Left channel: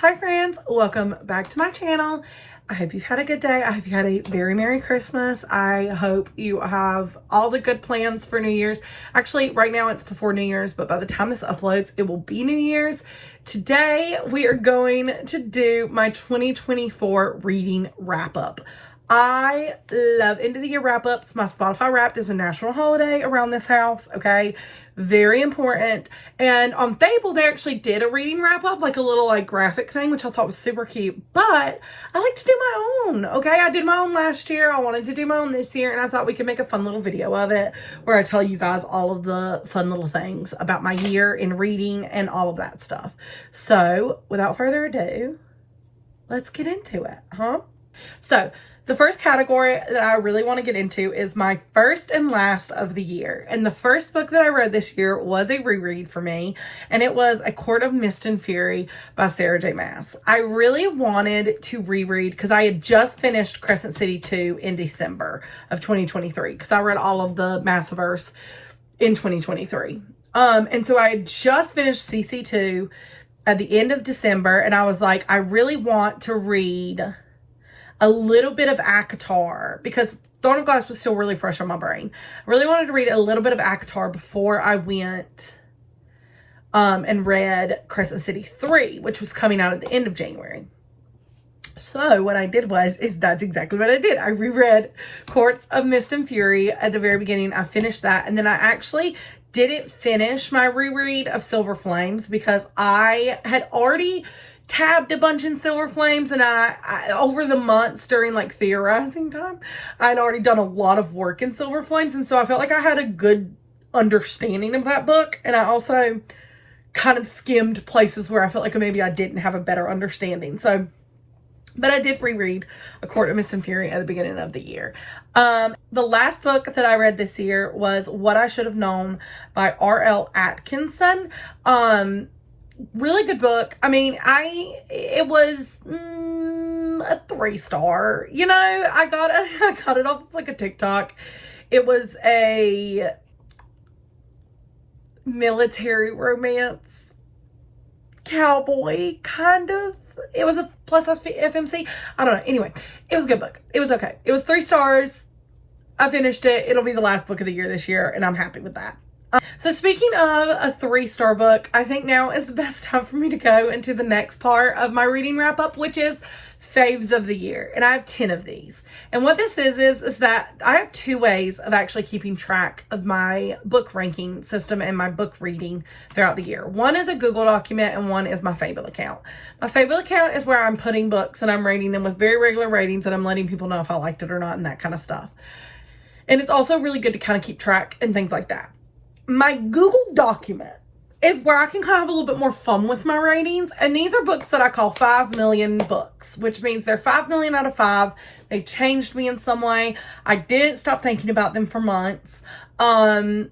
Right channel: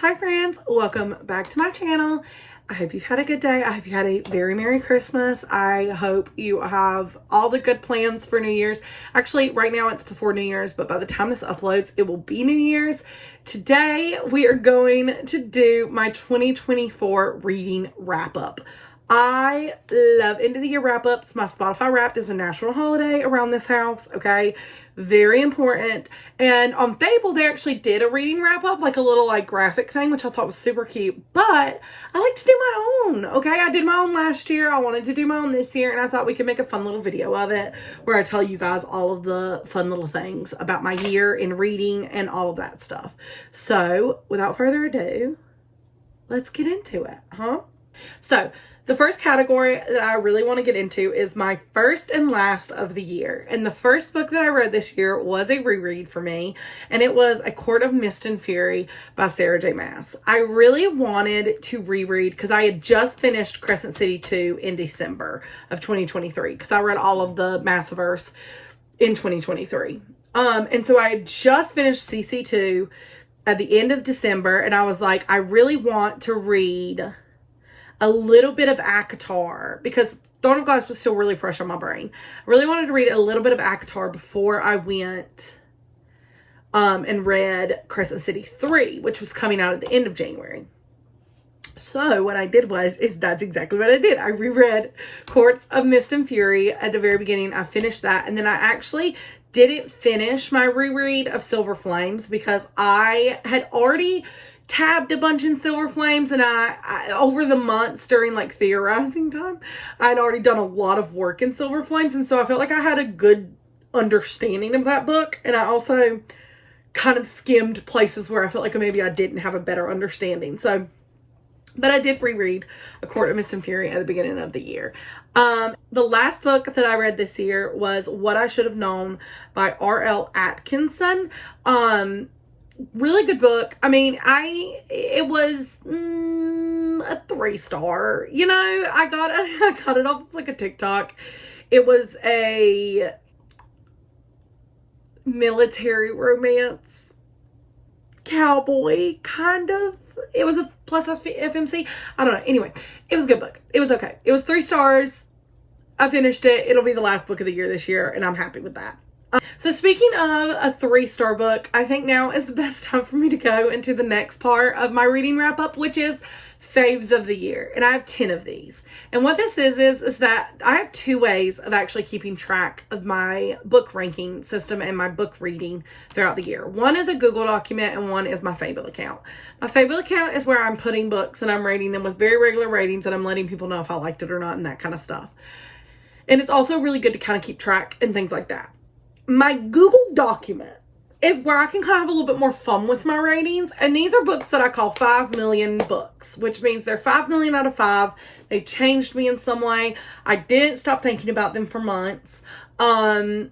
Hi friends, welcome back to my channel. I hope you've had a good day. I hope you had a very Merry Christmas. I hope you have all the good plans for New Year's. Actually, right now it's before New Year's, but by the time this uploads, it will be New Year's. Today, we are going to do my 2024 reading wrap up. I love end of the year wrap ups. My Spotify Wrapped is a national holiday around this house, okay? Very important. And on Fable, they actually did a reading wrap up, like a little graphic thing, which I thought was super cute. But I like to do my own, okay? I did my own last year. I wanted to do my own this year, and I thought we could make a fun little video of it where I tell you guys all of the fun little things about my year in reading and all of that stuff. So without further ado, let's get into it, huh? So the first category that I really want to get into is my first and last of the year. And the first book that I read this year was a reread for me, and it was A Court of Mist and Fury by Sarah J. Maas. I really wanted to reread because I had just finished Crescent City 2 in December of 2023 because I read all of the Massiverse in 2023. And so I had just finished CC2 at the end of December, and I was like, I really want to read a little bit of ACOTAR because Throne of Glass was still really fresh on my brain. I really wanted to read a little bit of ACOTAR before I went and read Crescent City 3, which was coming out at the end of January. So what I did that's exactly what I did. I reread Courts of Mist and Fury at the very beginning. I finished that, and then I actually didn't finish my reread of Silver Flames because I had already tabbed a bunch in Silver Flames, and I over the months during theorizing time, I'd already done a lot of work in Silver Flames, and so I felt like I had a good understanding of that book, and I also kind of skimmed places where I felt like maybe I didn't have a better understanding. But I did reread A Court of Mist and Fury at the beginning of the year. The last book that I read this year was What I Should Have Known by R.L. Atkinson. Really good book. I mean, it was a 3-star. You know, I got it off of a TikTok. It was a military romance cowboy kind of. It was a plus FMC. I don't know. Anyway, it was a good book. It was okay. It was 3 stars. I finished it. It'll be the last book of the year this year, and I'm happy with that. So speaking of a 3-star book, I think now is the best time for me to go into the next part of my reading wrap up, which is faves of the year. And I have 10 of these. And what this is that I have 2 ways of actually keeping track of my book ranking system and my book reading throughout the year. One is a Google document, and one is my Fable account. My Fable account is where I'm putting books and I'm rating them with very regular ratings, and I'm letting people know if I liked it or not and that kind of stuff. And it's also really good to kind of keep track and things like that. My Google document is where I can kind of have a little bit more fun with my ratings. And these are books that I call 5 million books, which means they're 5 million out of 5. They changed me in some way. I didn't stop thinking about them for months. And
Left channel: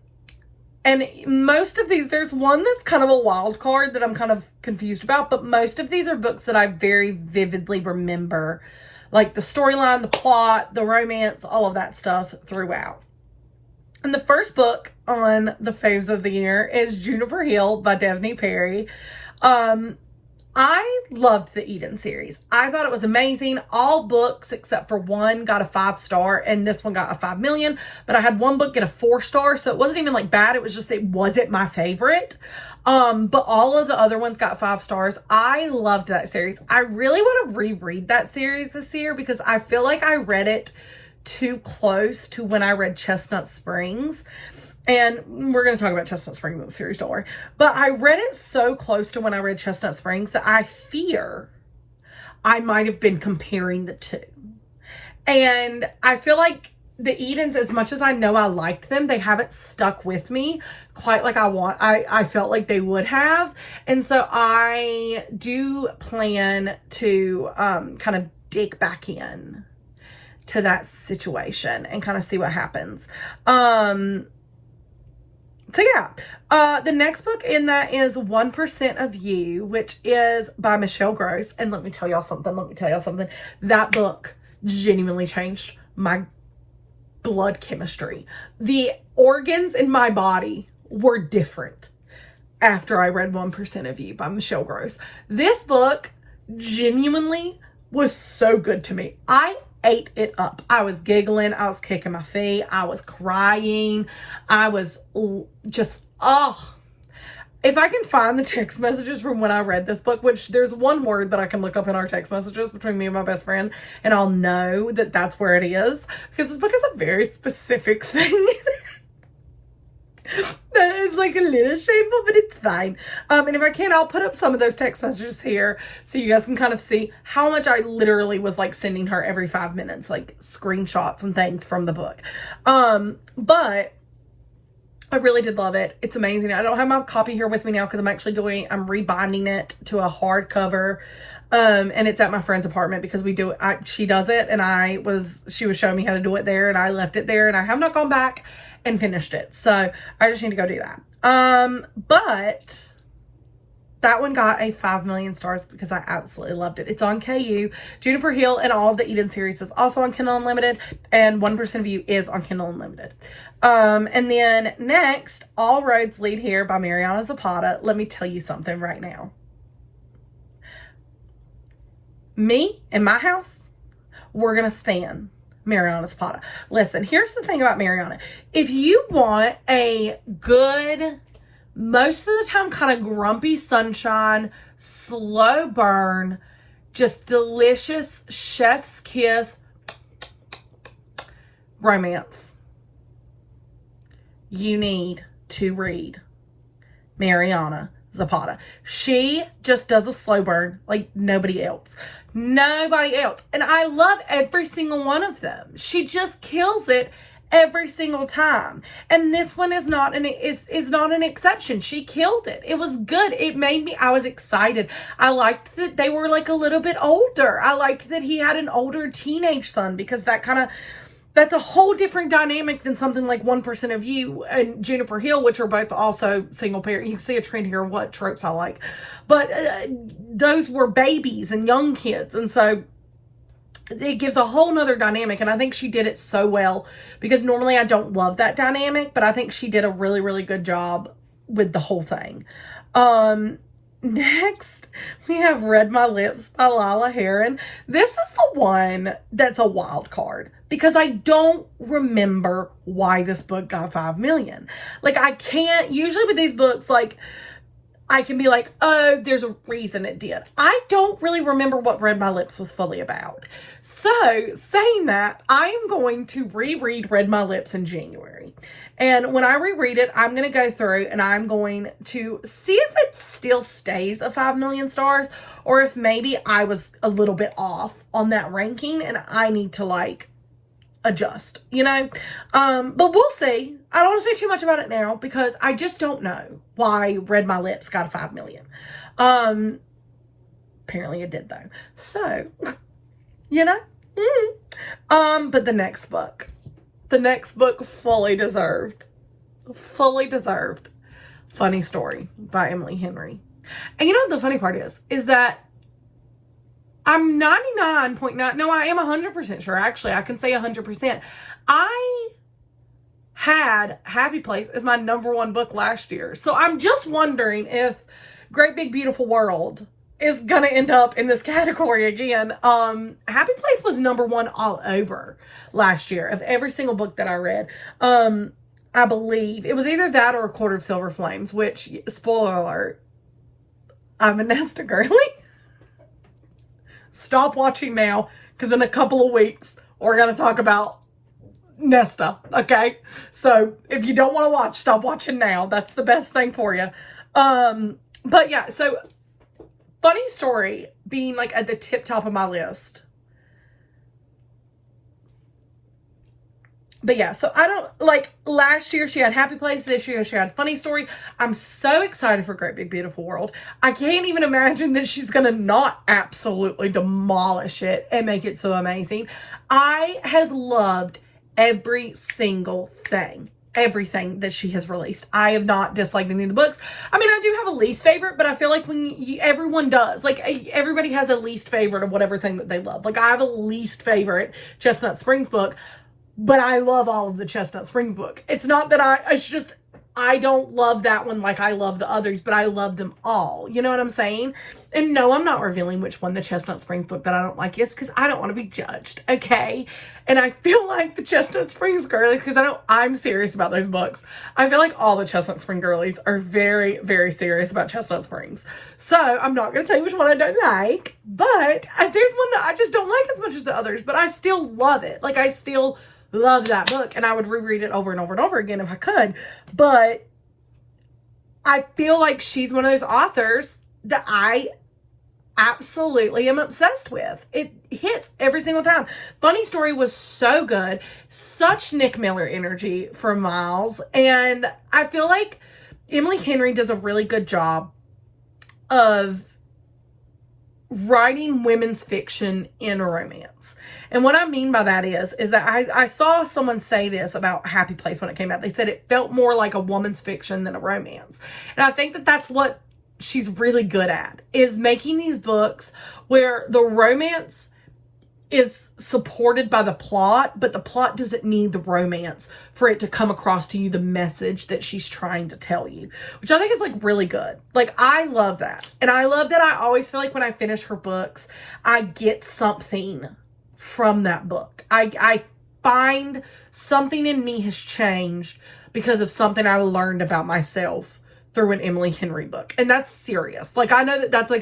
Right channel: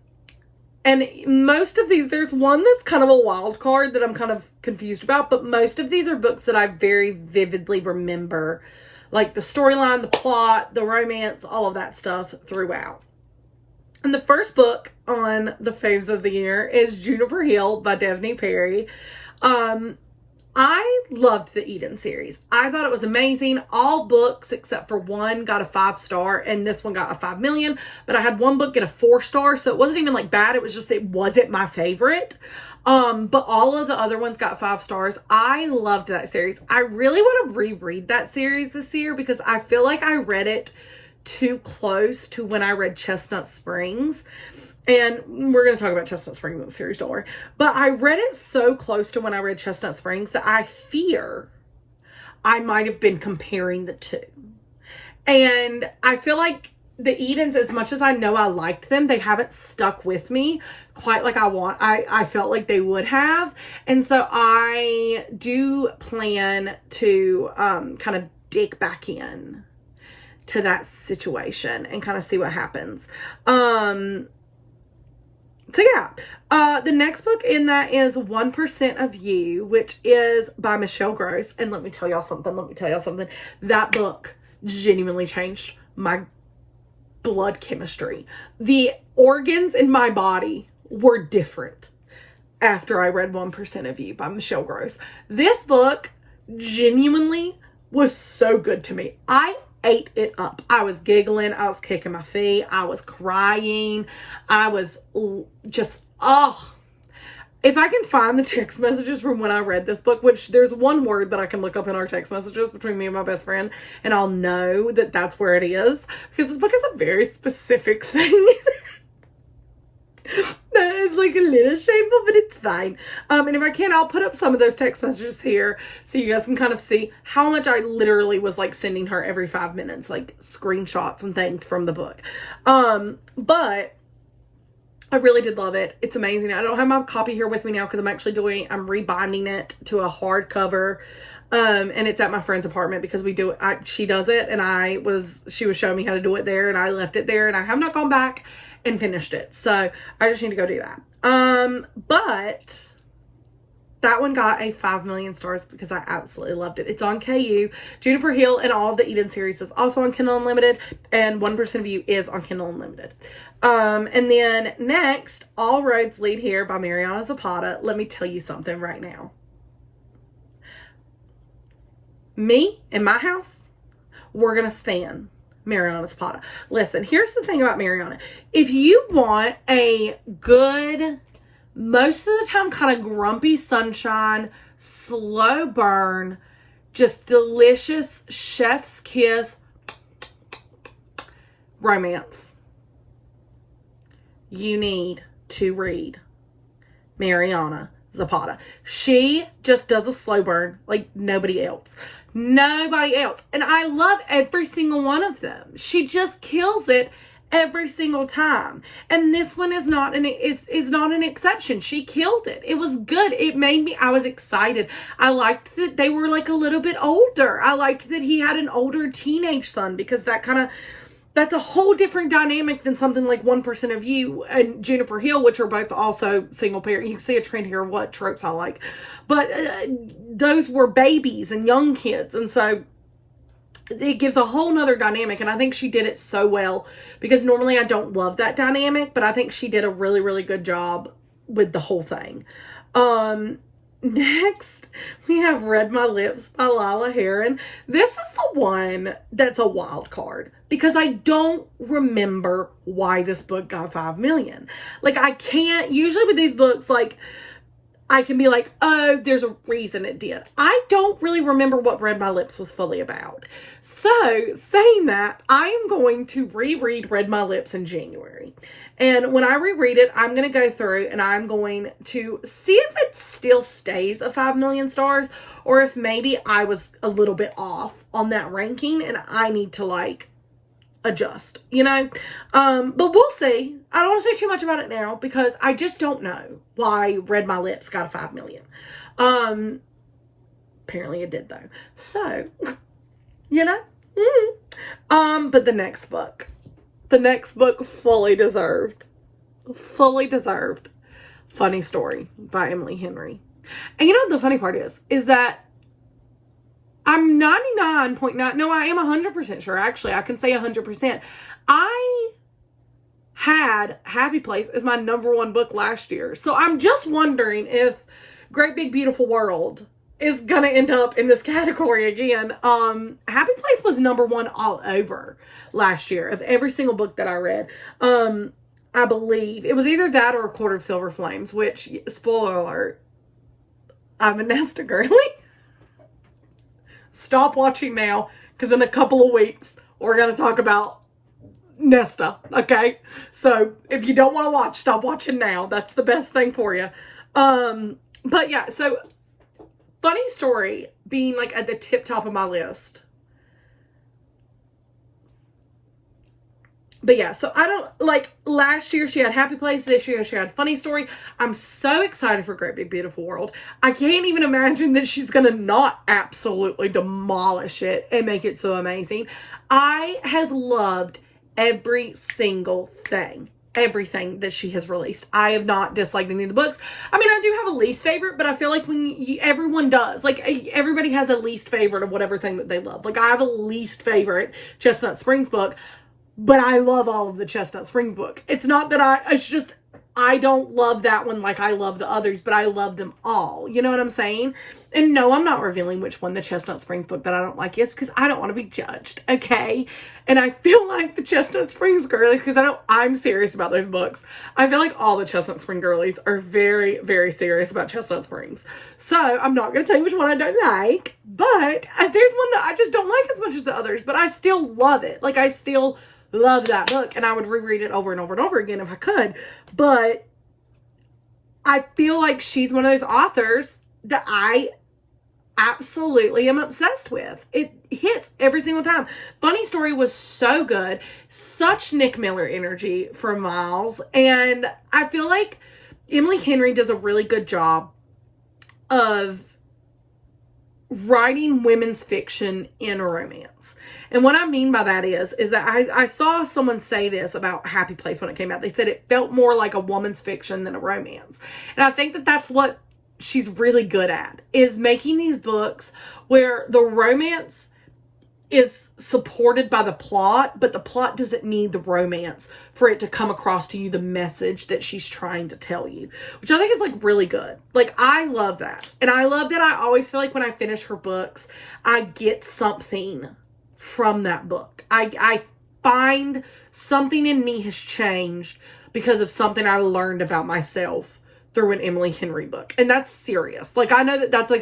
most of these, there's one that's kind of a wild card that I'm kind of confused about, but most of these are books that I very vividly remember, like the storyline, the plot, the romance, all of that stuff throughout. And the first book on the faves of the year is Juniper Hill by Devney Perry. I loved the Eden series. I thought it was amazing. All books except for one got a 5-star, and this one got a 5 million. But I had one book get a 4-star, so it wasn't even bad. It was just, it wasn't my favorite. But all of the other ones got 5 stars. I loved that series. I really want to reread that series this year because I feel like I read it too close to when I read Chestnut Springs. And we're going to talk about Chestnut Springs in the series, don't worry. But I read it so close to when I read Chestnut Springs that I fear I might have been comparing the two. And I feel like the Edens, as much as I know I liked them, they haven't stuck with me quite like I felt like they would have. And so I do plan to kind of dig back in to that situation and kind of see what happens. So yeah, the next book in that is 1% of You, which is by Michelle Gross. And let me tell y'all something. That book genuinely changed my blood chemistry. The organs in my body were different after I read 1% of You by Michelle Gross. This book genuinely was so good to me. I ate it up. I was giggling. I was kicking my feet. I was crying. I was just, oh, if I can find the text messages from when I read this book, which there's one word that I can look up in our text messages between me and my best friend, and I'll know that that's where it is, because this book is a very specific thing. That is like a little shameful, but it's fine. And if I can, I'll put up some of those text messages here so you guys can kind of see how much I literally was like sending her every 5 minutes, like screenshots and things from the book. But I really did love it. It's amazing. I don't have my copy here with me now because I'm rebinding it to a hardcover. And it's at my friend's apartment because she does it, and she was showing me how to do it there, and I left it there, and I have not gone back and finished it. So I just need to go do that. But that one got a 5 million stars because I absolutely loved it. It's on KU. Juniper Hill and all of the Eden series is also on Kindle Unlimited, and 1% of You is on Kindle Unlimited. And then next, All Roads Lead Here by Mariana Zapata. Let me tell you something right now. Me and my house, we're going to stand Mariana Zapata. Listen, here's the thing about Mariana. If you want a good, most of the time kind of grumpy sunshine, slow burn, just delicious chef's kiss romance, you need to read Mariana Zapata. She just does a slow burn like nobody else. Nobody else. And I love every single one of them. She just kills it every single time. And this one is not an exception. She killed it. It was good. I was excited. I liked that they were like a little bit older. I liked that he had an older teenage son, because that's a whole different dynamic than something like 1% of You and Juniper Hill, which are both also single parent. You can see a trend here of what tropes I like. But those were babies and young kids. And so it gives a whole nother dynamic. And I think she did it so well, because normally I don't love that dynamic, but I think she did a really, really good job with the whole thing. Next, we have Read My Lips by Lila Heron. This is the one that's a wild card, because I don't remember why this book got 5 million. Like, I can't, usually with these books, like, I can be like, oh, there's a reason it did. I don't really remember what Read My Lips was fully about. So, saying that, I am going to reread Read My Lips in January. And when I reread it, I'm going to go through and I'm going to see if it still stays at 5 million stars, or if maybe I was a little bit off on that ranking and I need to like adjust, but we'll see. I don't want to say too much about it now because I just don't know why Read My Lips got a 5 million. Apparently it did though. So, but the next book fully deserved Funny Story by Emily Henry. And you know what the funny part is that I'm 99.9, no, I am 100% sure. Actually, I can say 100%. I had Happy Place as my #1 book last year. So I'm just wondering if Great Big Beautiful World is going to end up in this category again. Happy Place was #1 all over last year of every single book that I read. I believe it was either that or A Quarter of Silver Flames, which, spoiler alert, I'm a Nesta girly. Stop watching now, because in a couple of weeks, we're going to talk about Nesta, okay? So, if you don't want to watch, stop watching now. That's the best thing for you. But yeah, so, Funny Story being like at the tip top of my list. But yeah, so I don't, like, last year she had Happy Place, this year she had Funny Story. I'm so excited for Great Big Beautiful World. I can't even imagine that she's going to not absolutely demolish it and make it so amazing. I have loved every single thing, everything that she has released. I have not disliked any of the books. I mean, I do have a least favorite, but I feel like everyone does. Like, everybody has a least favorite of whatever thing that they love. Like, I have a least favorite Chestnut Springs book, but I love all of the Chestnut Spring book. It's not that it's just, I don't love that one like I love the others, but I love them all. You know what I'm saying? And no, I'm not revealing which one the Chestnut Springs book that I don't like is, because I don't want to be judged, okay? And I feel like the Chestnut Springs girlies, because I'm serious about those books. I feel like all the Chestnut Spring girlies are very, very serious about Chestnut Springs. So I'm not going to tell you which one I don't like, but there's one that I just don't like as much as the others, but I still love it. Like, I still love that book, and I would reread it over and over and over again if I could. But I feel like she's one of those authors that I absolutely am obsessed with. It hits every single time. Funny Story was so good. Such Nick Miller energy for Miles. And I feel like Emily Henry does a really good job of writing women's fiction in a romance. And what I mean by that is that I saw someone say this about Happy Place when it came out. They said it felt more like a woman's fiction than a romance. And I think that that's what she's really good at, is making these books where the romance is supported by the plot, but the plot doesn't need the romance for it to come across to you the message that she's trying to tell you, which I think is like really good. Like, I love that. And I love that I always feel like when I finish her books, I get something from that book. I find something in me has changed because of something I learned about myself through an Emily Henry book. And that's serious. Like, I know that that's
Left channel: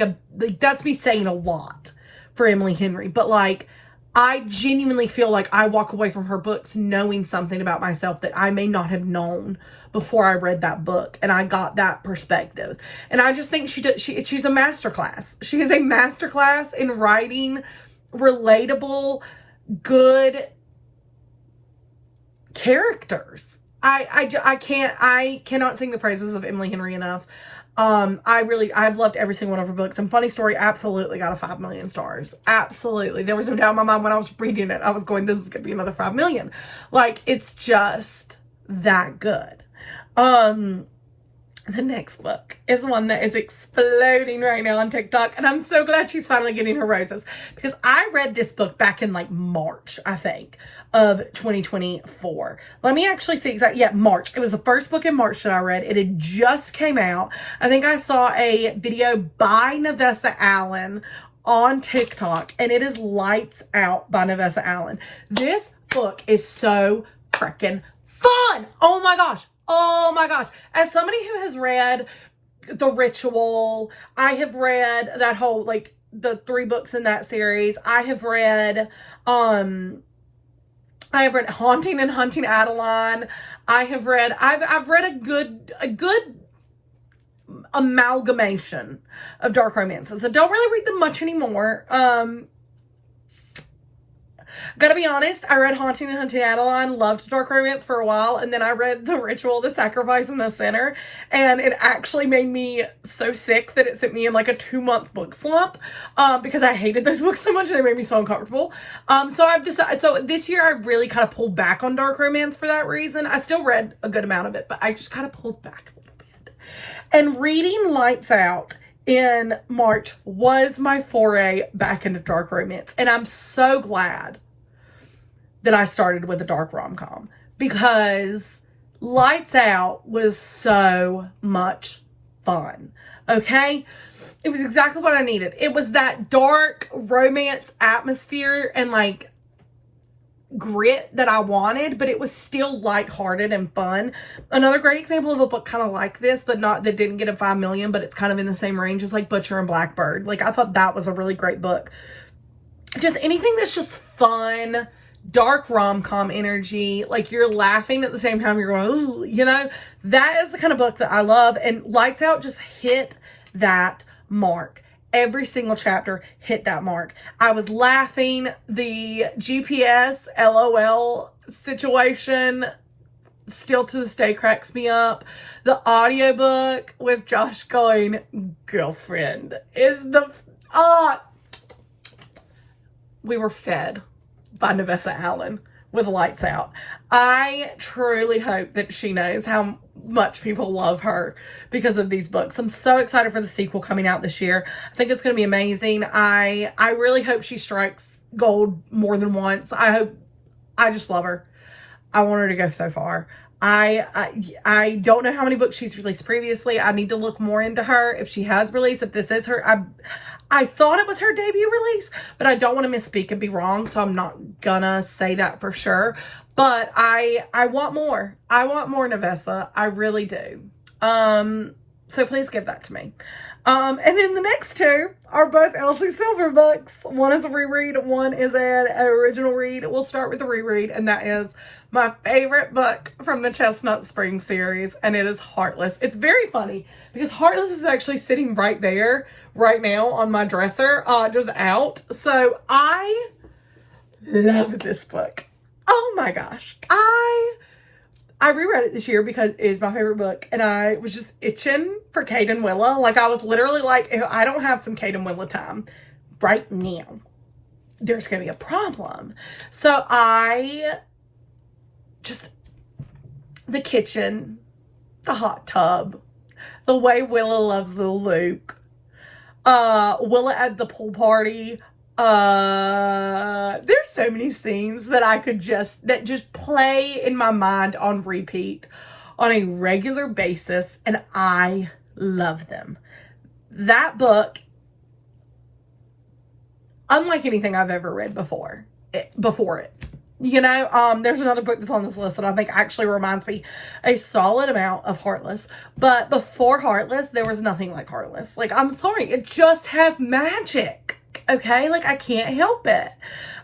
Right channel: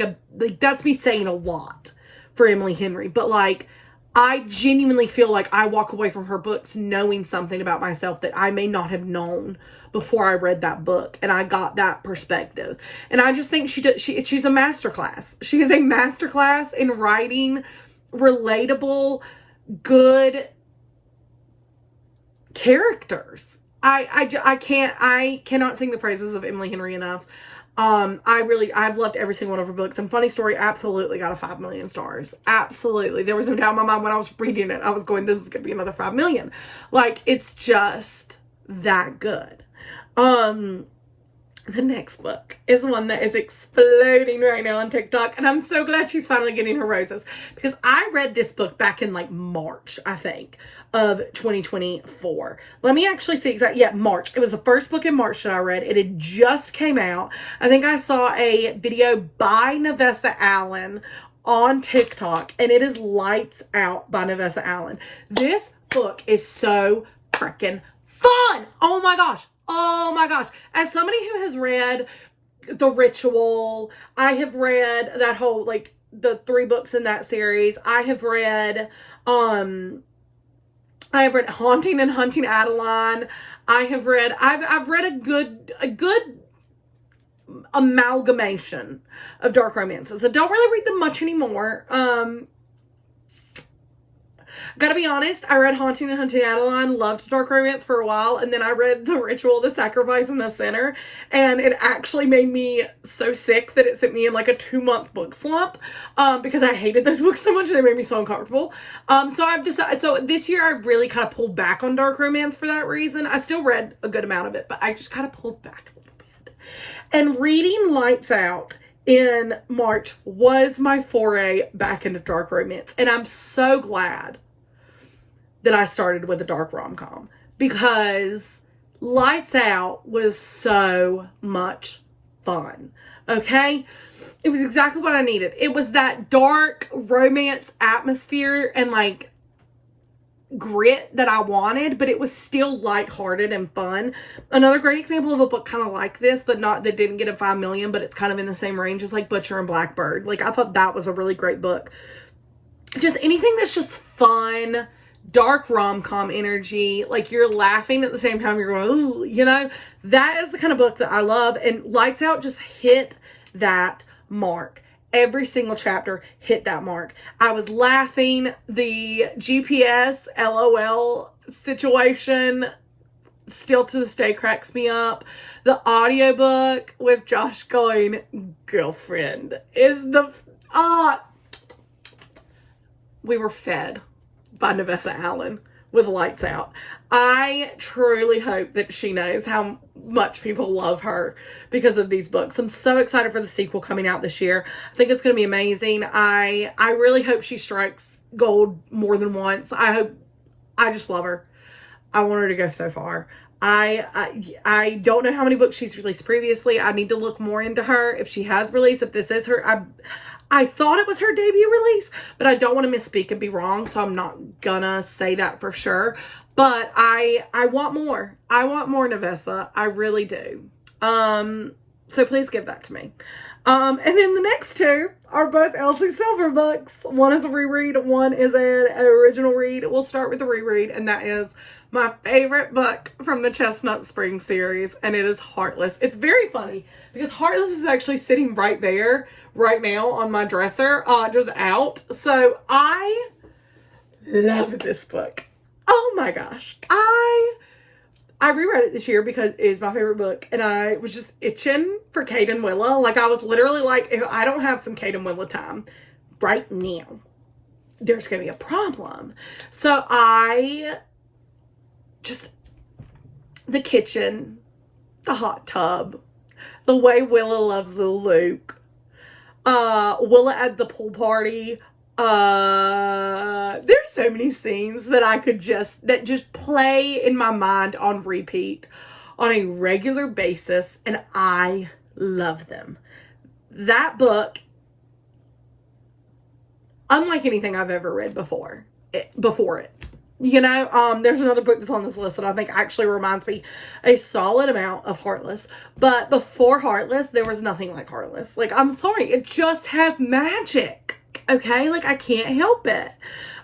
that's me saying a lot for Emily Henry, but like, I genuinely feel like I walk away from her books knowing something about myself that I may not have known before I read that book, and I got that perspective. And I just think she's a masterclass. She is a masterclass in writing relatable, good characters. I cannot sing the praises of Emily Henry enough. I've loved every single one of her books, and Funny Story absolutely got a 5 million stars. Absolutely. There was no doubt in my mind when I was reading it. I was going, this is going to be another 5 million. Like, it's just that good. The next book is one that is exploding right now on TikTok, and I'm so glad she's finally getting her roses, because I read this book back in like March, I think, of 2024. Let me actually see exactly. Yeah, March. It was the first book in March that I read. It had just came out. I think I saw a video by Nevessa Allen on TikTok, and it is Lights Out by Nevessa Allen. This book is so freaking fun. Oh my gosh. Oh my gosh. As somebody who has read The Ritual, I have read that whole, like, the 3 books in that series. I have read Haunting and Hunting Adeline. I've read a good amalgamation of dark romances. I don't really read them much anymore. Gotta be honest, I read Haunting and Hunting Adeline, loved dark romance for a while, and then I read The Ritual, The Sacrifice, and The Sinner, and it actually made me so sick that it sent me in like a 2-month book slump, because I hated those books so much and they made me so uncomfortable. So I've decided, so this year I really kind of pulled back on dark romance for that reason. I still read a good amount of it, but I just kind of pulled back a little bit. And reading Lights Out in March was my foray back into dark romance, and I'm so glad that I started with a dark rom-com, because Lights Out was so much fun. Okay? It was exactly what I needed. It was that dark romance atmosphere and like grit that I wanted, but it was still lighthearted and fun. Another great example of a book kind of like this, but not that didn't get a 5 million, but it's kind of in the same range, is like Butcher and Blackbird. Like, I thought that was a really great book. Just anything that's just fun, dark rom-com energy, like you're laughing at the same time you're going, ooh, you know, that is the kind of book that I love. And Lights Out just hit that mark. Every single chapter hit that mark. I was laughing. The GPS LOL situation still to this day cracks me up. The audiobook with Josh going, girlfriend, is we were fed by Nevessa Allen with Lights Out. I truly hope that she knows how much people love her because of these books. I'm so excited for the sequel coming out this year. I think it's going to be amazing. I really hope she strikes gold more than once. I just love her. I want her to go so far. I don't know how many books she's released previously. I need to look more into her. If she has released, if this is her, I thought it was her debut release, but I don't want to misspeak and be wrong, so I'm not gonna say that for sure. But I want more. I want more Nevessa. I really do. So please give that to me. And then the next two are both Elsie Silver books. One is a reread, one is an original read. We'll start with the reread, and that is my favorite book from the Chestnut Spring series, and it is Heartless. It's very funny because Heartless is actually sitting right there, right now on my dresser, just out. So I love this book. Oh my gosh. I reread it this year because it is my favorite book, and I was just itching for Kate and Willa. Like, I was literally like, if I don't have some Kate and Willa time right now, there's going to be a problem. So the kitchen, the hot tub, the way Willa loves the Luke, Willa at the pool party. There's so many scenes that I could just play in my mind on repeat on a regular basis, and I love them. That book, unlike anything I've ever read before it. You know, there's another book that's on this list that I think actually reminds me a solid amount of Heartless. But before Heartless, there was nothing like Heartless. Like, I'm sorry, it just has magic. Okay, like, I can't help it.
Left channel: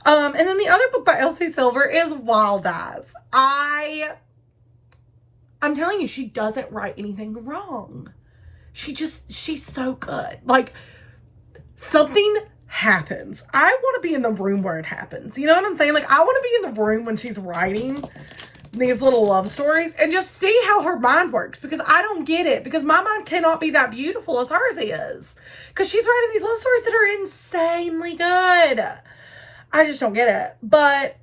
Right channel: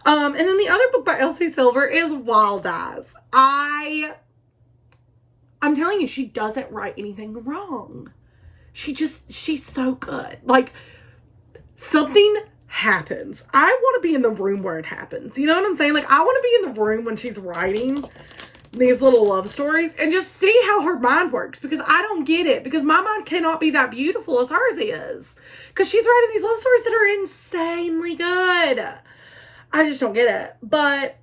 And then the other book by Elsie Silver is Wild Eyes. I'm telling you, she doesn't write anything wrong. She's so good. Like, something happens. I want to be in the room where it happens. You know what I'm saying? Like, I want to be in the room when she's writing these little love stories and just see how her mind works, because I don't get it, because my mind cannot be that beautiful as hers is, because she's writing these love stories that are insanely good. I just don't get it. But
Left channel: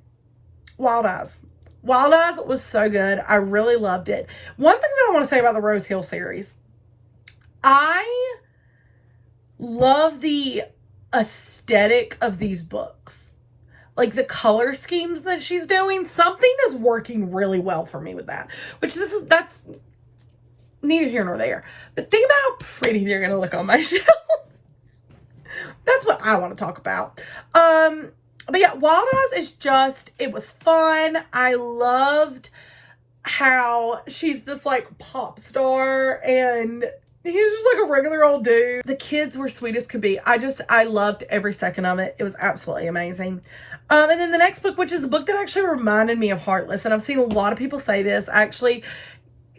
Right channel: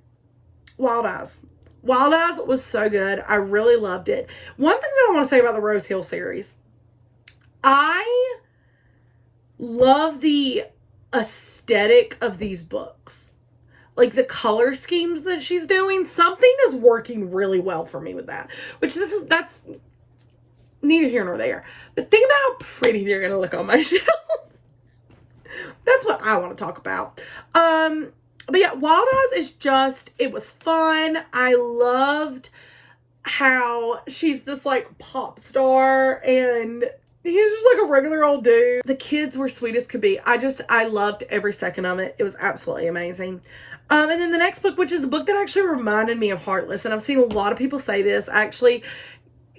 Wild Eyes was so good. I really loved it. One thing that I want to say about the Rose Hill series, I love the aesthetic of these books. Like, the color schemes that she's doing, something is working really well for me with that. That's neither here nor there. But think about how pretty they're going to look on my shelf. That's what I want to talk about. But yeah, Wild Eyes is it was fun. I loved how she's this, like, pop star, and he's just like a regular old dude. The kids were sweet as could be. I loved every second of it. It was absolutely amazing. And then the next book, which is the book that actually reminded me of Heartless, and I've seen a lot of people say this. Actually,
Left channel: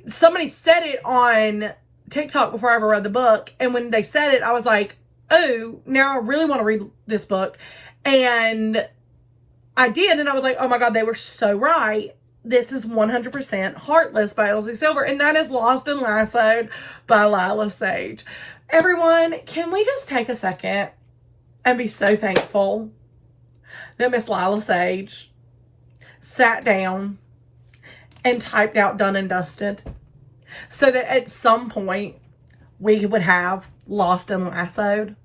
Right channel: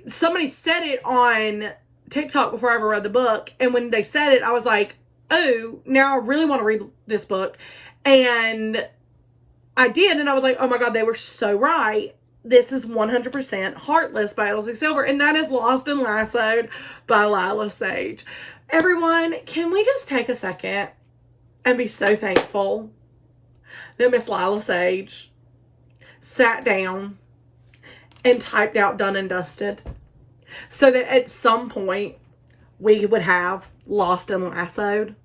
somebody said it on TikTok before I ever read the book, and when they said it, I was like, oh, now I really want to read this book. And I did, and I was like, oh my God, they were so right. This is 100% Heartless by Elsie Silver, and that is Lost and Lassoed by Lila Sage. Everyone, can we just take a second and be so thankful that Miss Lila Sage sat down and typed out Done and Dusted, so that at some point we would have Lost and Lassoed?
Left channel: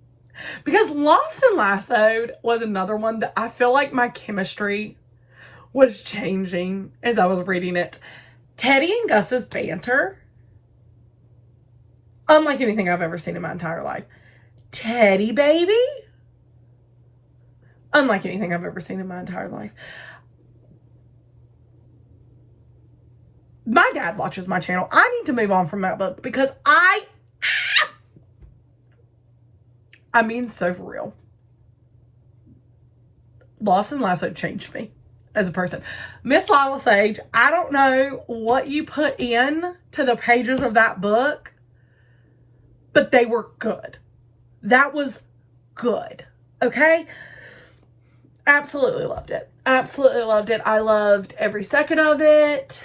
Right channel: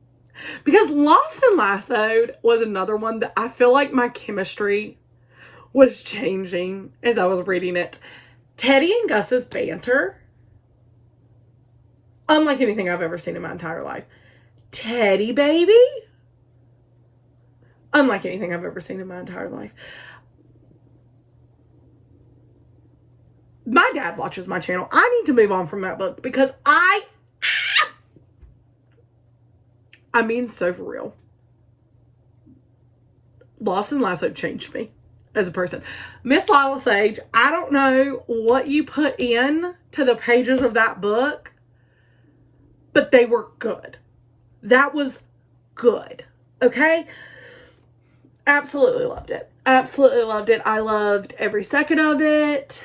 Because Lost and Lassoed was another one that I feel like my chemistry was changing as I was reading it. Teddy and Gus's banter, unlike anything I've ever seen in my entire life. Teddy baby, unlike anything I've ever seen in my entire life. My dad watches my channel. I need to move on from that book, because I mean, so for real. Lost and Lassoed changed me as a person. Miss Lila Sage, I don't know what you put in to the pages of that book, but they were good. That was good. Okay? Absolutely loved it. Absolutely loved it. I loved every second of it.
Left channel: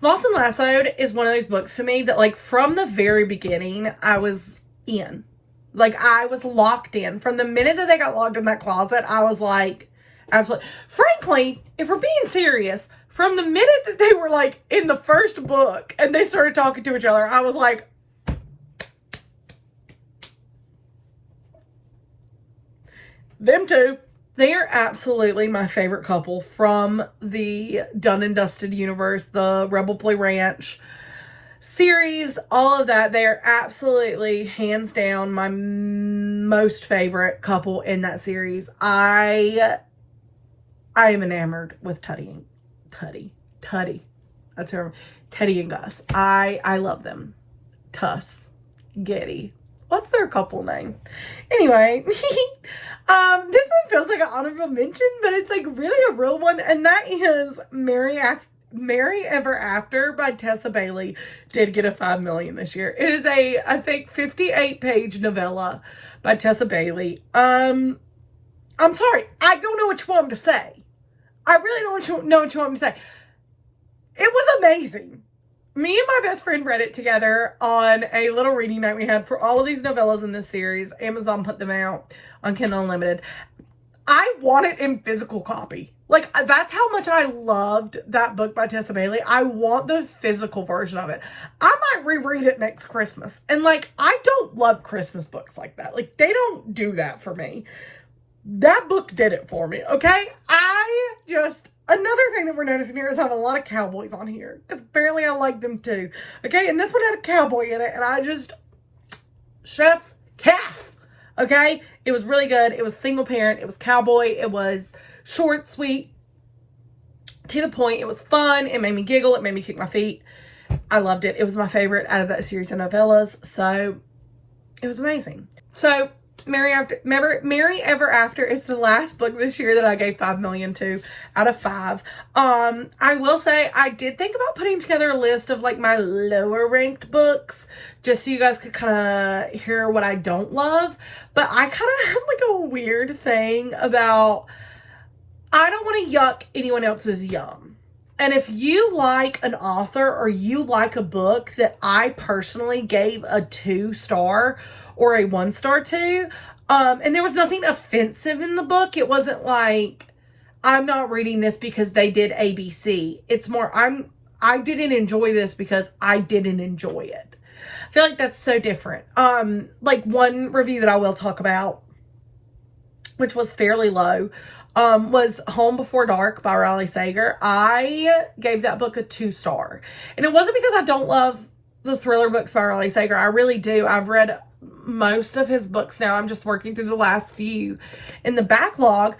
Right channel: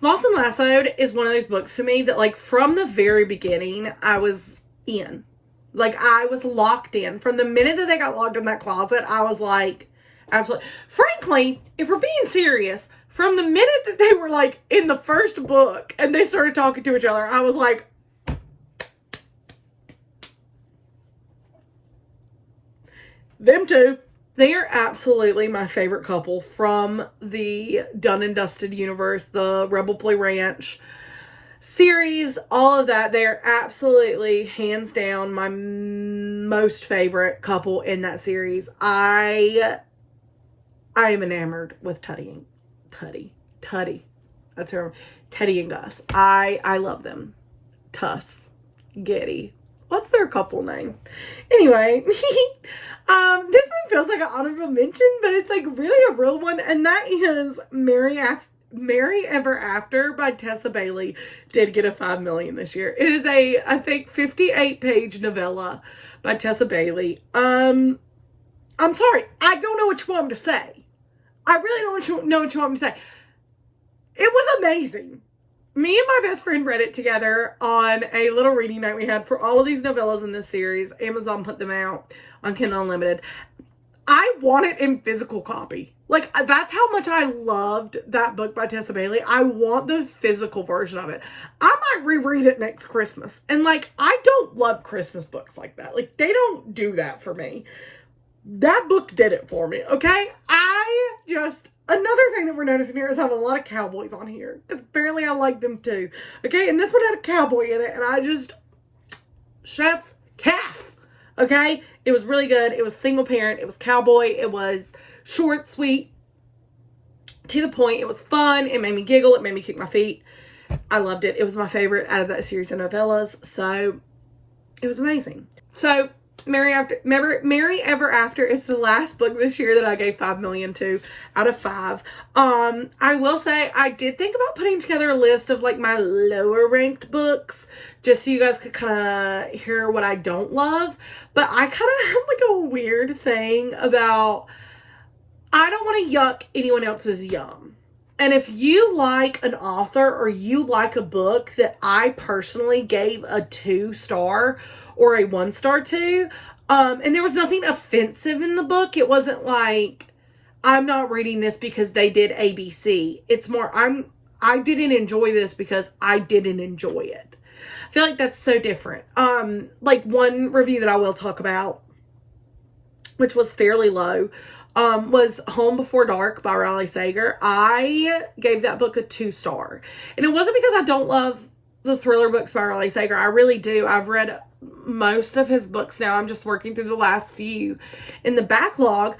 Lost and Lassoed is one of those books to me that, like, from the very beginning, I was in. Like, I was locked in. From the minute that they got locked in that closet, I was like, absolutely. Frankly, if we're being serious, from the minute that they were, like, in the first book and they started talking to each other, I was like, them two. They are absolutely my favorite couple from the Done and Dusted universe, the Rebel Boy Ranch series, all of that. They are absolutely, hands down, my most favorite couple in that series. I am enamored with Teddy. That's her. Teddy and Gus. I love them. Tuss. Getty. What's their couple name? Anyway, this one feels like an honorable mention, but it's like really a real one, and that is Mary Ever After by Tessa Bailey. Did get a $5 million this year. It is a, I think, 58-page novella by Tessa Bailey. I'm sorry, I don't know what you want me to say. I really don't know what you want me to say. It was amazing. Me and my best friend read it together on a little reading night we had for all of these novellas in this series. Amazon put them out on Kindle Unlimited. I want it in physical copy. Like, that's how much I loved that book by Tessa Bailey. I want the physical version of it. I might reread it next Christmas. And, like, I don't love Christmas books like that. Like, they don't do that for me. That book did it for me, okay? Another thing that we're noticing here is I have a lot of cowboys on here. Because apparently I like them too. Okay, and this one had a cowboy in it. And chef's kiss. Okay? It was really good. It was single parent. It was cowboy. It was short, sweet, to the point. It was fun. It made me giggle. It made me kick my feet. I loved it. It was my favorite out of that series of novellas. So, it was amazing. So, Mary Ever After is the last book this year that I gave 5 million to out of 5. I will say I did think about putting together a list of like my lower ranked books just so you guys could kind of hear what I don't love. But I kind of have like a weird thing about I don't want to yuck anyone else's yum. And if you like an author or you like a book that I personally gave a 2-star or a 1-star to, and there was nothing offensive in the book. It wasn't like, I'm not reading this because they did ABC. It's more, I didn't enjoy this because I didn't enjoy it. I feel like that's so different. Like one review that I will talk about, which was fairly low, was Home Before Dark by Riley Sager. I gave that book a 2-star. And it wasn't because I don't love the thriller books by Riley Sager. I really do. I've read most of his books now. I'm just working through the last few in the backlog.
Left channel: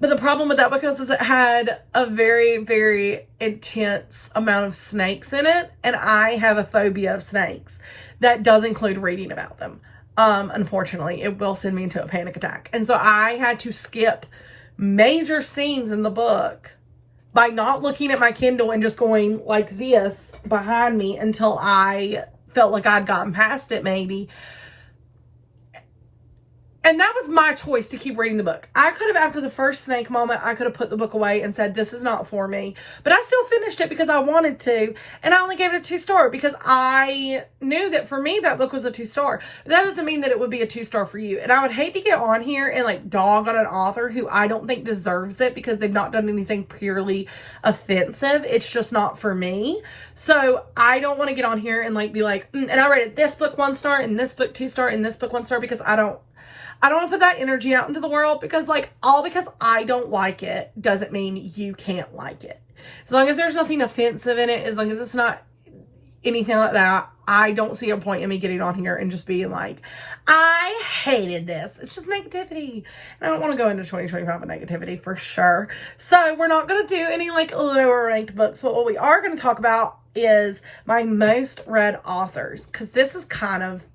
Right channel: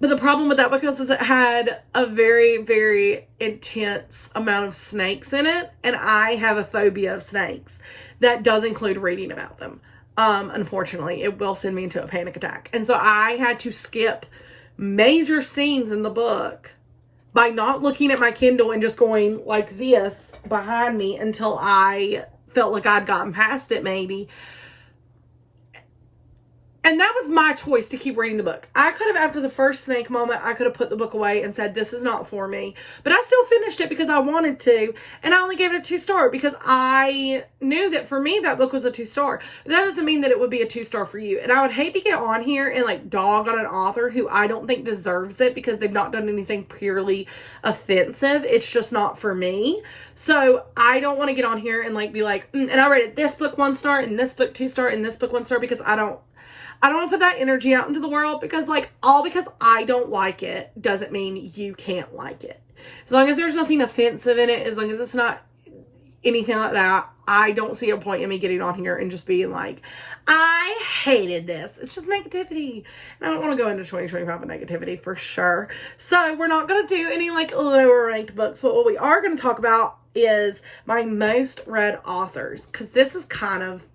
But the problem with that book is it had a very, very intense amount of snakes in it. And I have a phobia of snakes. That does include reading about them. Unfortunately, it will send me into a panic attack. And so I had to skip major scenes in the book by not looking at my Kindle and just going like this behind me until I felt like I'd gotten past it maybe. And that was my choice to keep reading the book. I could have, after the first snake moment, I could have put the book away and said, this is not for me. But I still finished it because I wanted to. And I only gave it a 2-star because I knew that for me, that book was a 2-star. But that doesn't mean that it would be a 2-star for you. And I would hate to get on here and like dog on an author who I don't think deserves it because they've not done anything purely offensive. It's just not for me. So I don't want to get on here and like be like, and I rated this book 1-star and this book 2-star and this book 1-star because I don't want to put that energy out into the world because like because I don't like it doesn't mean you can't like it. As long as there's nothing offensive in it, as long as it's not anything like that, I don't see a point in me getting on here and just being like, I hated this. It's just negativity. And I don't want to go into 2025 with negativity for sure. So we're not going to do any like lower ranked books, but what we are going to talk about is my most read authors, because this is kind of,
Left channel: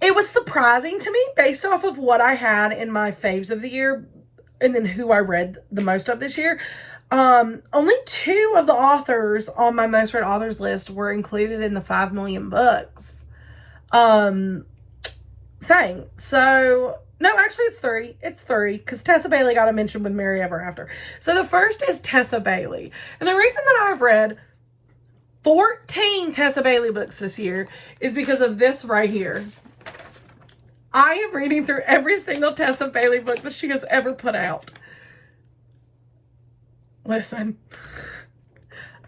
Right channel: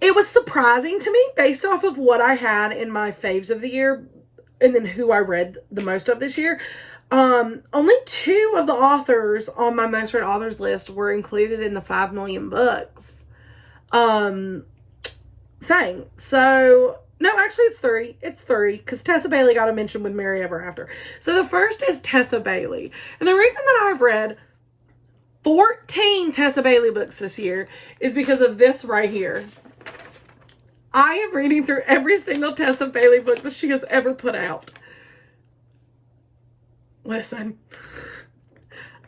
it was surprising to me based off of what I had in my faves of the year and then who I read the most of this year. Only 2 of the authors on my most read authors list were included in the 5 million books thing. So, no, actually it's 3. It's 3 because Tessa Bailey got a mention with Mary Ever After. So the first is Tessa Bailey. And the reason that I've read 14 Tessa Bailey books this year is because of this right here. I am reading through every single Tessa Bailey book that she has ever put out. Listen,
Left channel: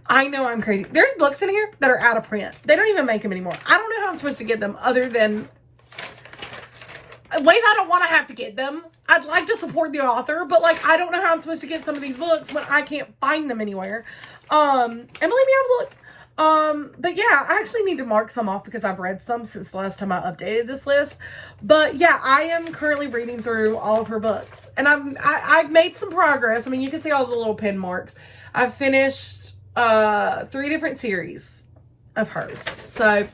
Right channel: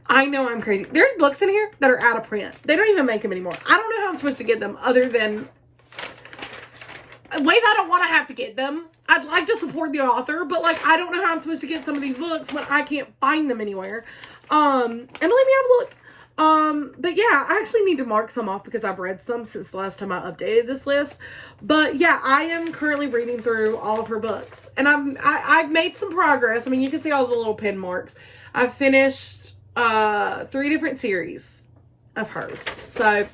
I know I'm crazy. There's books in here that are out of print. They don't even make them anymore. I don't know how I'm supposed to get them other than ways I don't want to have to get them. I'd like to support the author, but like I don't know how I'm supposed to get some of these books when I can't find them anywhere. And believe me, I've looked. But yeah, I actually need to mark some off because I've read some since the last time I updated this list. But yeah, I am currently reading through all of her books, and I've made some progress. I mean, you can see all the little pin marks. I've finished 3 different series of hers. So,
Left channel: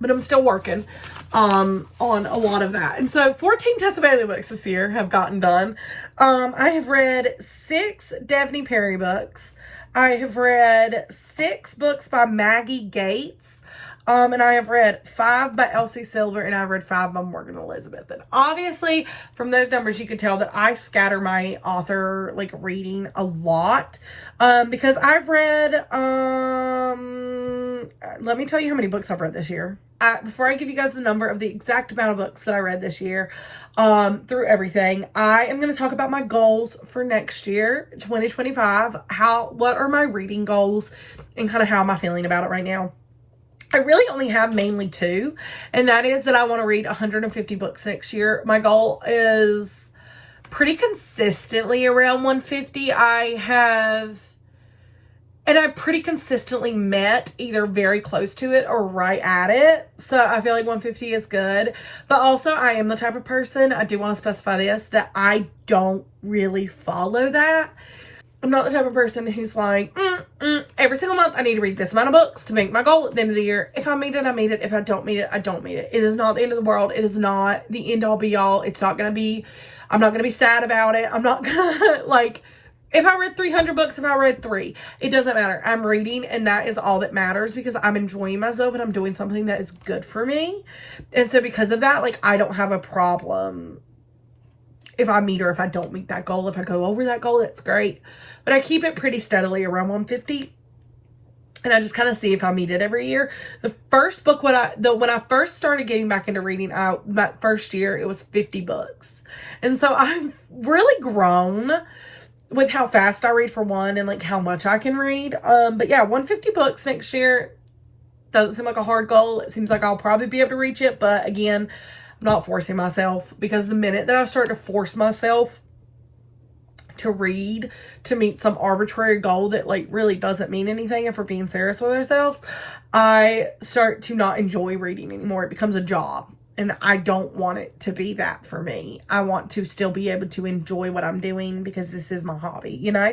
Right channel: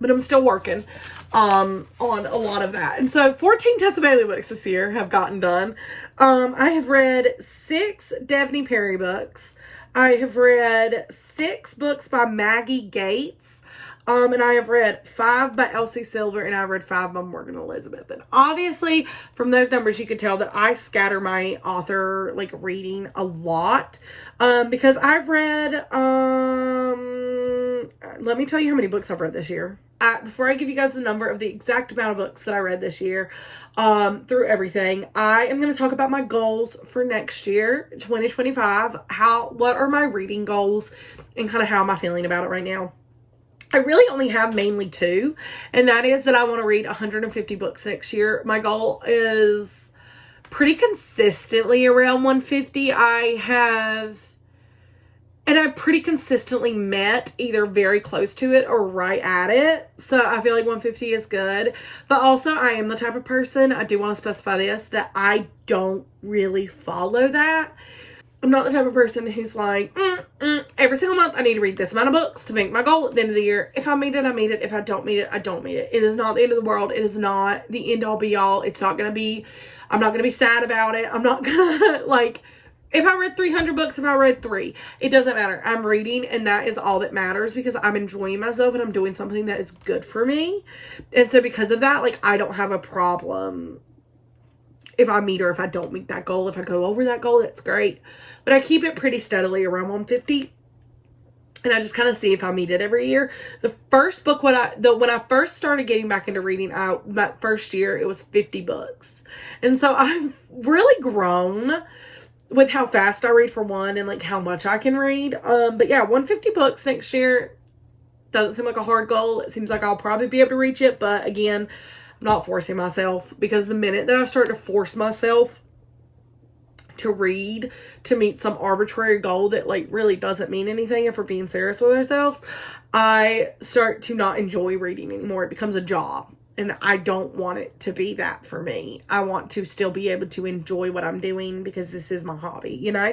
but I'm still working on a lot of that. And so 14 Tessa Bailey books this year have gotten done. I have read 6 Daphne Perry books. I have read 6 books by Maggie Gates. And I have read 5 by Elsie Silver, and I've read 5 by Morgan Elizabeth. And obviously, from those numbers, you can tell that I scatter my author, like, reading a lot. Because I've read, let me tell you how many books I've read this year. Before I give you guys the number of the exact amount of books that I read this year, through everything, I am going to talk about my goals for next year, 2025. What are my reading goals, and kind of how am I feeling about it right now? I really only have mainly 2, and that is that I want to read 150 books next year. My goal is pretty consistently around 150. I've pretty consistently met either very close to it or right at it. So I feel like 150 is good. But also, I am the type of person, I do want to specify this, that I don't really follow that. I'm not the type of person who's like, every single month I need to read this amount of books to make my goal at the end of the year. If I meet it, I meet it. If I don't meet it, I don't meet it. It is not the end of the world. It is not the end all be all. It's not going to be, I'm not going to be sad about it. I'm not going to, like, if I read 300 books, if I read 3, it doesn't matter. I'm reading, and that is all that matters, because I'm enjoying myself and I'm doing something that is good for me. And so because of that, like, I don't have a problem if I meet or if I don't meet that goal. If I go over that goal, it's great. But I keep it pretty steadily around 150. And I just kind of see if I meet it every year. The first book, when I first started getting back into reading, that first year, it was 50 books. And so I've really grown with how fast I read, for one, and like how much I can read. But yeah, 150 books next year doesn't seem like a hard goal. It seems like I'll probably be able to reach it. But again, I'm not forcing myself, because the minute that I start to force myself to read to meet some arbitrary goal that like really doesn't mean anything, if we're being serious with ourselves, I start to not enjoy reading anymore. It becomes a job, and I don't want it to be that for me. I want to still be able to enjoy what I'm doing, because this is my hobby, you know?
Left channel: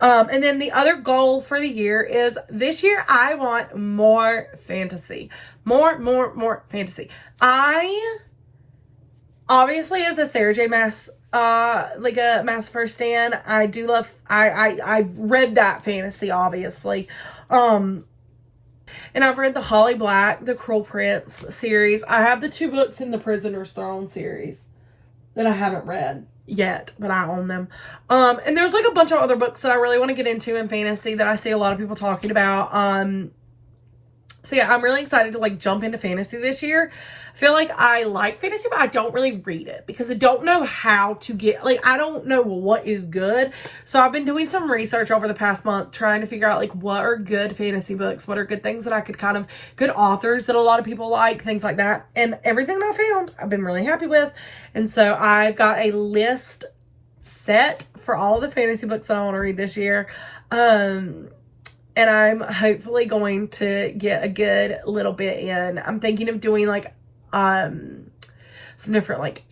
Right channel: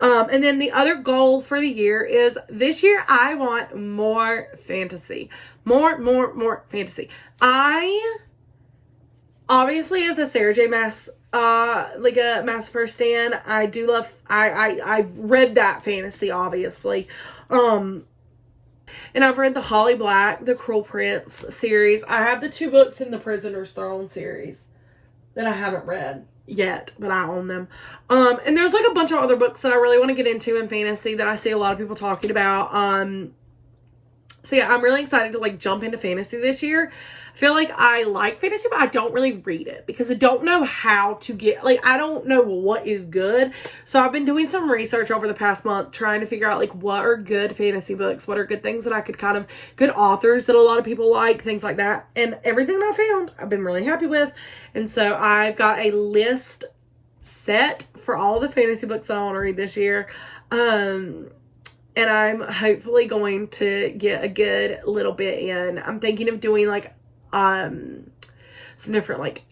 And then the other goal for the year is, this year I want more fantasy. More fantasy. I, obviously, as a Sarah J. Maas, like a Maas first stan, I do love, I've read that fantasy, obviously. And I've read the Holly Black, the Cruel Prince series. I have the 2 books in the Prisoner's Throne series that I haven't read yet, but I own them. And there's like a bunch of other books that I really want to get into in fantasy that I see a lot of people talking about. So yeah, I'm really excited to like jump into fantasy this year. I feel like I like fantasy, but I don't really read it because I don't know how to get, like, I don't know what is good. So I've been doing some research over the past month trying to figure out like what are good fantasy books, what are good things that I could kind of, good authors that a lot of people like, things like that. And everything that I found, I've been really happy with. And so I've got a list set for all the fantasy books that I want to read this year. And I'm hopefully going to get a good little bit in. I'm thinking of doing like some different like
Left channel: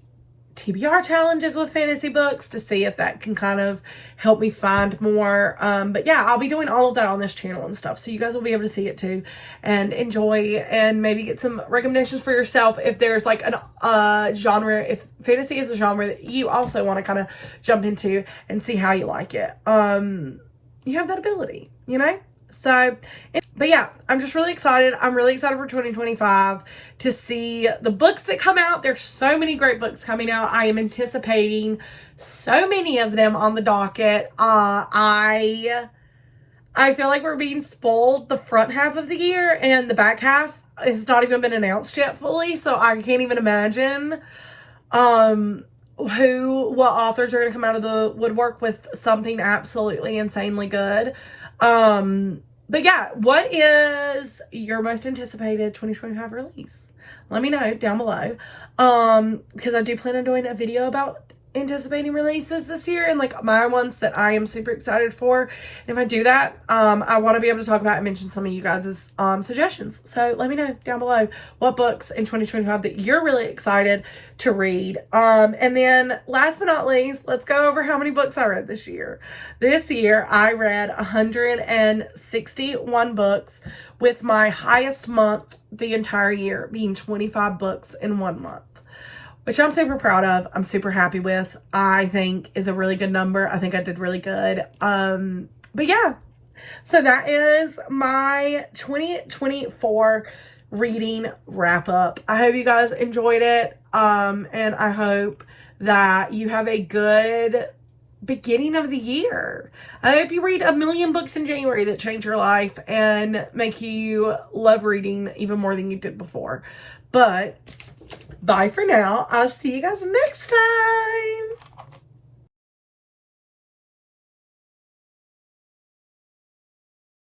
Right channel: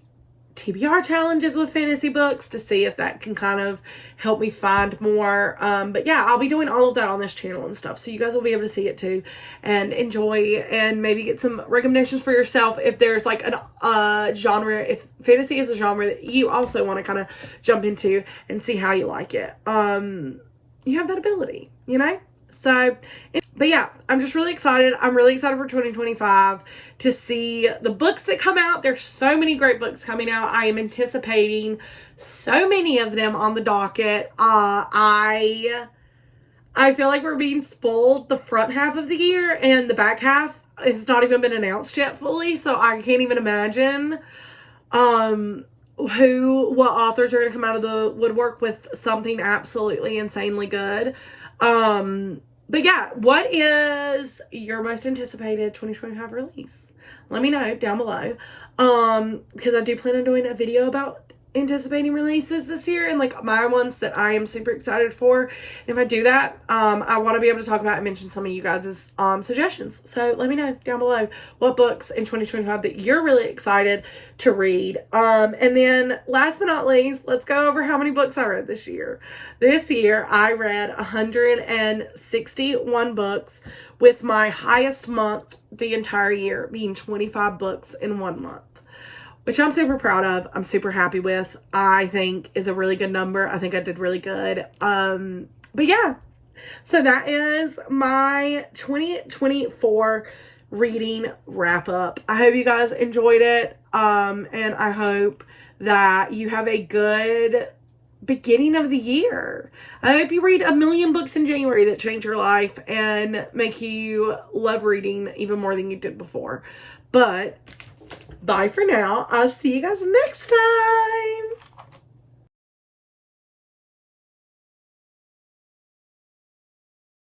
TBR challenges with fantasy books to see if that can kind of help me find more. But yeah, I'll be doing all of that on this channel and stuff. So you guys will be able to see it too and enjoy, and maybe get some recommendations for yourself if there's like an genre, if fantasy is a genre that you also want to kind of jump into and see how you like it. You have that ability, you know? So, but yeah, I'm just really excited. I'm really excited for 2025 to see the books that come out. There's so many great books coming out. I am anticipating so many of them on the docket. I feel like we're being spoiled the front half of the year, and the back half has not even been announced yet fully. So I can't even imagine what authors are going to come out of the woodwork with something absolutely insanely good. But yeah, what is your most anticipated 2025 release? let me know down below. Because I do plan on doing a video about anticipating releases this year and like my ones that I am super excited for. And if I do that, I want to be able to talk about and mention some of you guys' suggestions. So let me know down below what books in 2025 that you're really excited to read. And then last but not least, let's go over how many books I read this year. This year I read 161 books, with my highest month the entire year being 25 books in 1 month, which I'm super proud of. I'm super happy with. I think is a really good number. I think I did really good. But yeah, so that is my 2024 reading wrap up. I hope you guys enjoyed it. And I hope that you have a good beginning of the year. I hope you read 1,000,000 books in January that change your life and make you love reading even more than you did before. But bye for now. I'll see you guys next time.